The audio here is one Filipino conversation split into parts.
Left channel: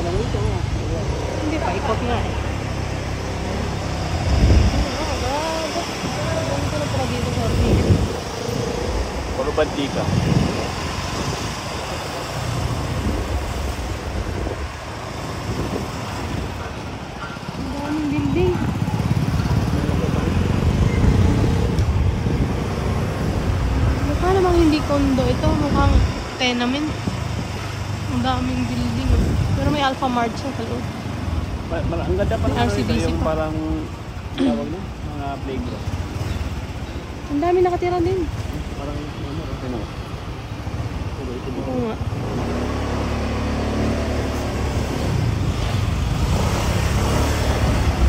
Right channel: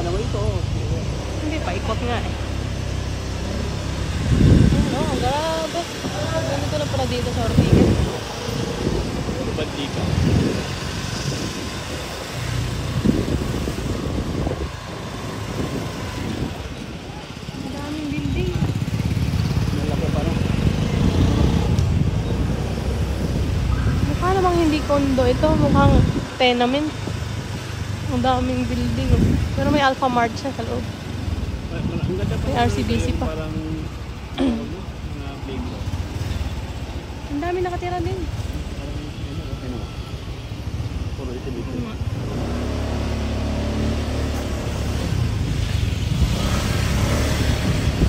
naman ito. Hindi pa, ikot nga eh. Ganito na pala dito sa Rigo. Puro bandita. Ang daming building. Mukha namang hindi condo ito. Mukhang tenement. Ang daming building. Pero may Alpha Mart siya sa loob. Ang ganda pa naman RCDC yung pa. parang mga playground. Ang dami nakatira din. Parang ano. Puro ito dito. Oo nga.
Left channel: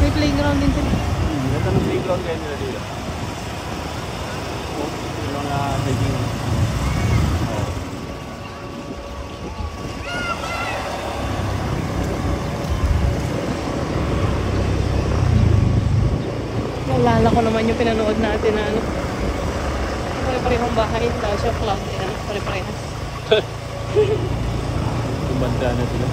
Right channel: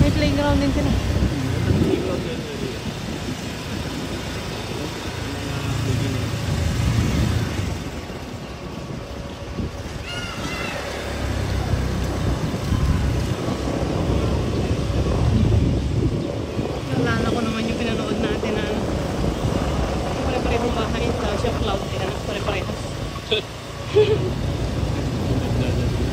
May playground din sila. Ganda ng playground kaya nila dito. Yung mga playground. Naalala ko naman yung pinanood natin na ano. Yung pare-parehong bahay. Culture Club. Ano, pare-pareho. Tumanda na sila.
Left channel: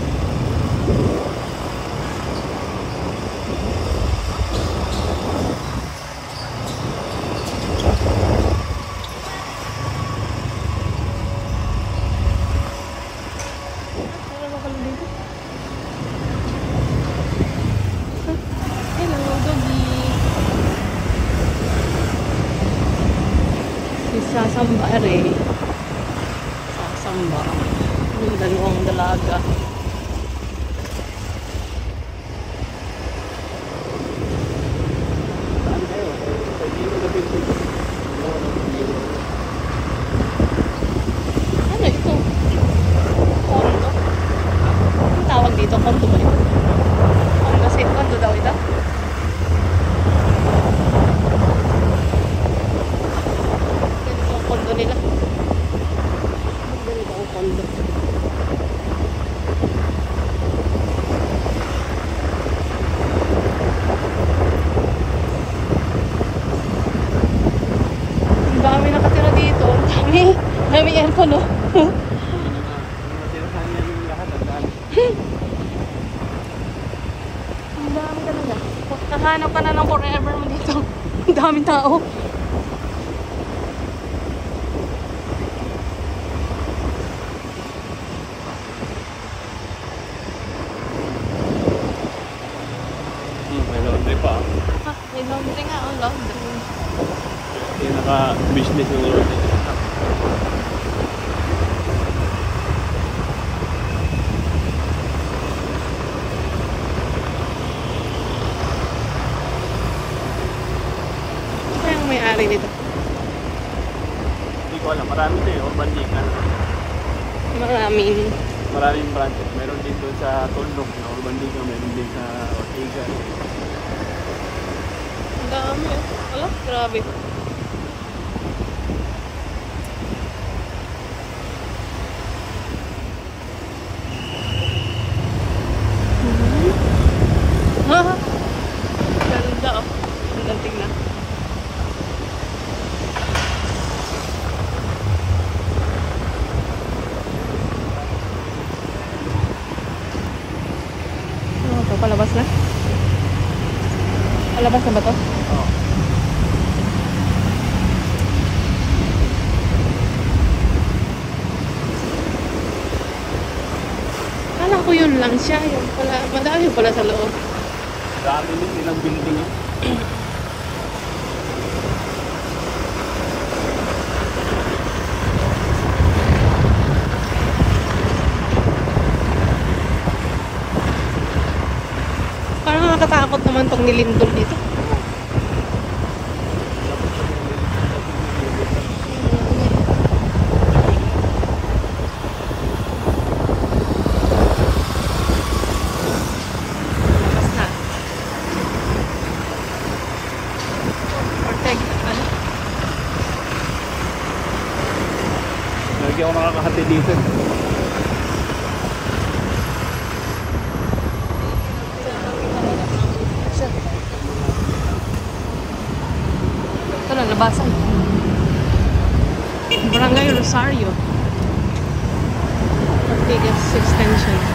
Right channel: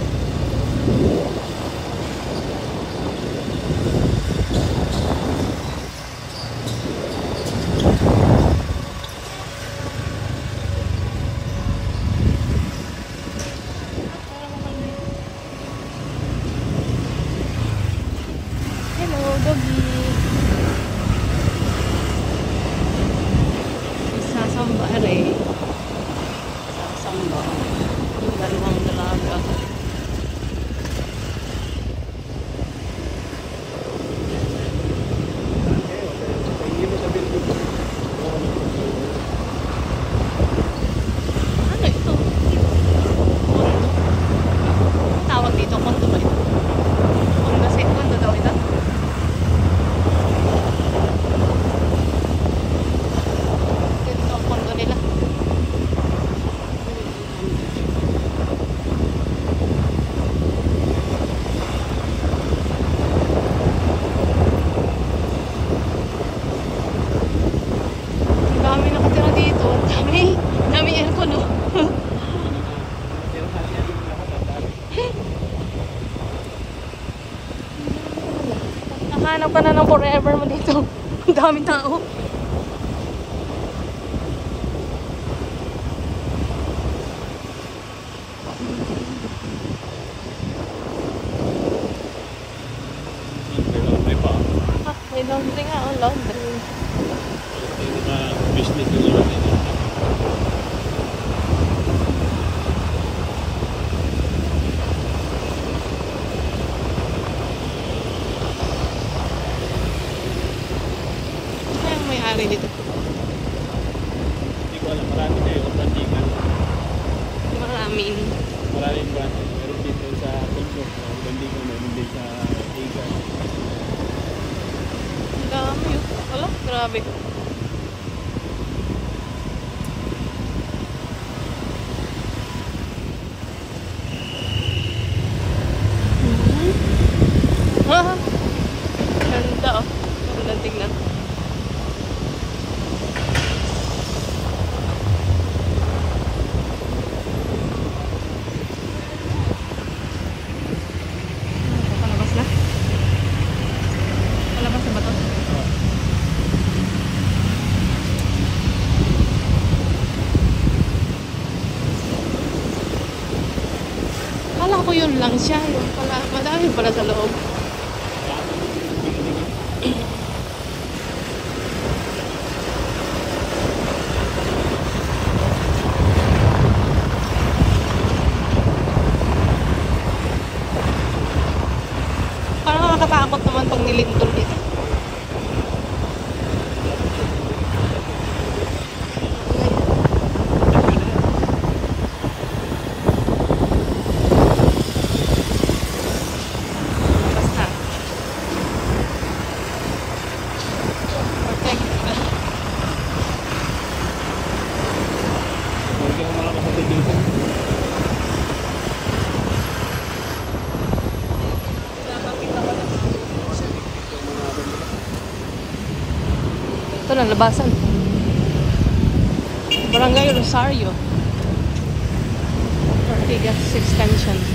Hello, Dobby. Isasamba rin. Isasamba. Dalawang dalaga. Saan kayo? Sa gilid ng building. Ano ito? Kondo? Ano tawag dito? Kondo ba ito? Kondo daw ito? Ganito ang kondo nila. Ganito ang kondo. Ang dami nakatira dito. Ang dami aircon, no? Ang dami talaga. Nakahanap pa na ng forever mo dito. Ang daming tao. May laundry pa. May laundry nga, oh, laundry. Yung naka-business ng laundry. Ano kaya ang may-ari dito? Hindi ko alam. Marami ito eh. Urban Dita. Maraming branch. Meron din doon sa Tundok. Urban Dita. Meron din sa Igan. Ang dami, oh. Wala, grabe. Ganda, oh. Ganda tingnan. Ano ito? Palabas na? Palabas na ba ito? Kala ko yun lang siya. Yung pala, madami pala sa loob. Dami yun. Ilang building yun. Parang nakakatakot naman pag nilindol dito. Lagi ako makakahati dito. Ito na, labasan. Barangay Rosario. Ortigas System.